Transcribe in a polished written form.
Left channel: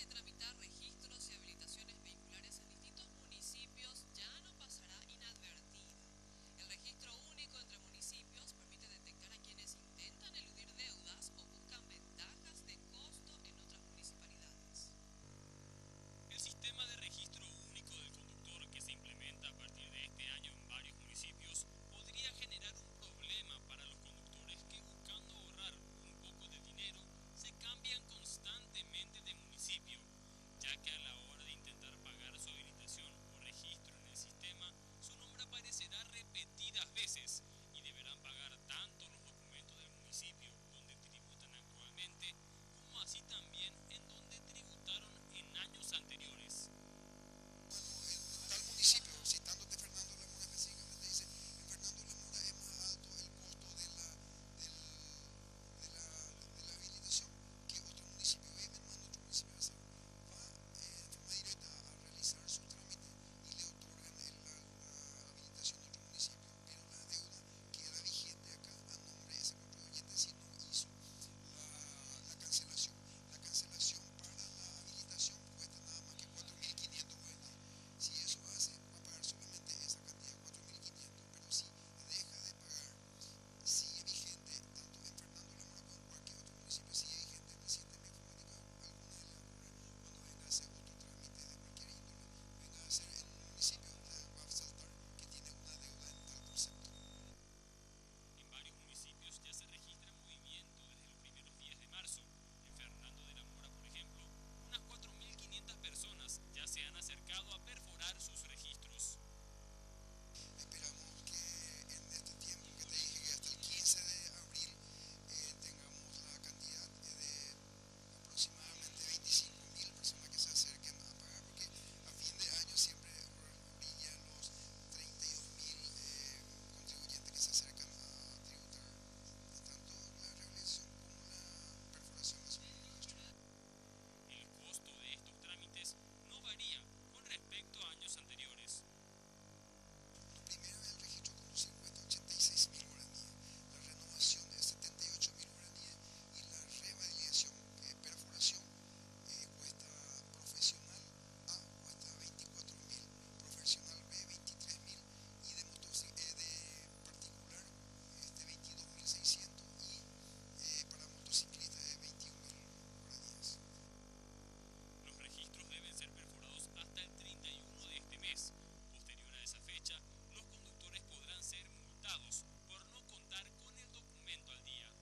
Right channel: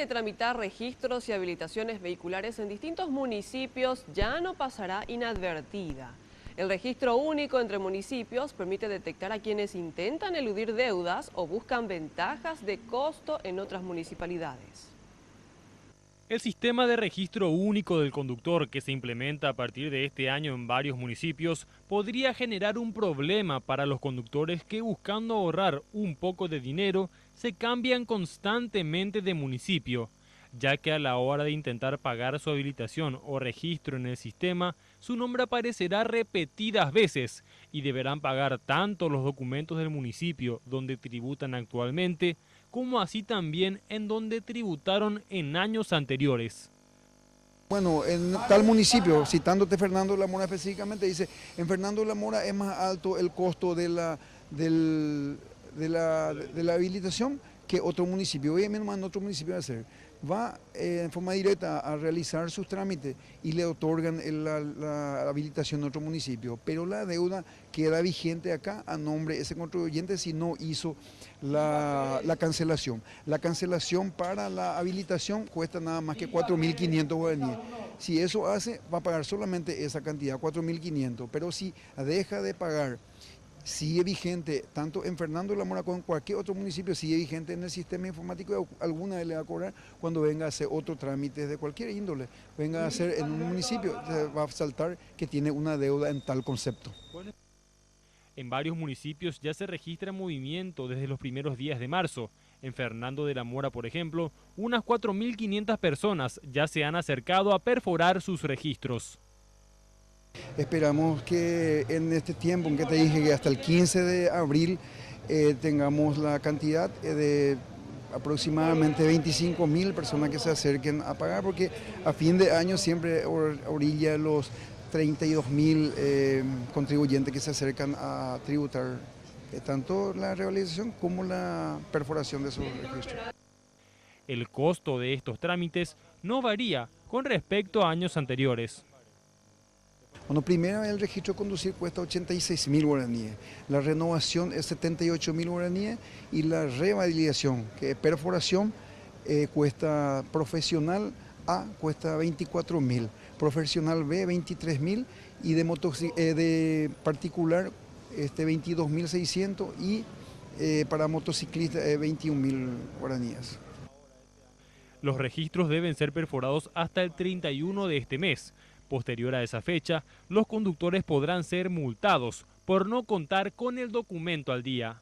de tramitar registros y habilitaciones vehiculares en distintos municipios ya no pasará inadvertida. El registro único entre municipios permite detectar a quienes intentan eludir deudas o buscan ventajas de costo en otras municipalidades. El sistema de registro único del conductor que se implementa a partir de este año en varios municipios podría generar un problema para los conductores que, buscando ahorrar un poco de dinero, se cambian constantemente de municipio, ya que a la hora de intentar pagar su habilitación o registro en el sistema, su nombre aparecerá repetidas veces y deberán pagar tanto los documentos del municipio donde tributan actualmente, como así también en donde tributaron en años anteriores. Bueno, en tal municipio, citándote Fernando de la Mora específicamente, dice, en Fernando de la Mora es más alto el costo de la habilitación que otro municipio. Oye, menos en otro municipio va a hacer. Va en forma directa a realizar sus trámites y le otorgan la habilitación en otro municipio, pero la deuda queda vigente acá a nombre de ese contribuyente si no hizo la cancelación. La cancelación para la habilitación cuesta nada más que 4.500 guaraníes. Si eso hace, va a pagar solamente esa cantidad, 4.500, pero si deja de pagar, sigue vigente, tanto en Fernando de la Mora como en cualquier otro municipio, sigue vigente en el sistema informático, alguna vez le va a cobrar cuando venga a hacer otro trámite de cualquier índole, venga a hacer en un municipio, va a saltar que tiene una deuda en tal concepto. En varios municipios ya se registra movimiento desde los primeros días de marzo. En Fernando de la Mora, por ejemplo, unas 4.500 personas ya se han acercado a perforar sus registros. Esperamos que en este tiempo, en que te dije que hasta el 15 de abril tengamos la cantidad de aproximadamente 25.000 personas que se acerquen a pagar, porque a fin de año siempre orilla los 32.000 contribuyentes que se acercan a tributar tanto la realización como la perforación de sus registros. El costo de estos trámites no varía con respecto a años anteriores. Bueno, primero el registro de conducir cuesta 86.000 guaraníes, la renovación es 78.000 guaraníes y la revalidación, que es perforación, cuesta profesional A, cuesta 24.000, profesional B, 23.000 y de particular 22.600 y para motociclistas 21.000 guaraníes. Los registros deben ser perforados hasta el 31 de este mes. Posterior a esa fecha, los conductores podrán ser multados por no contar con el documento al día.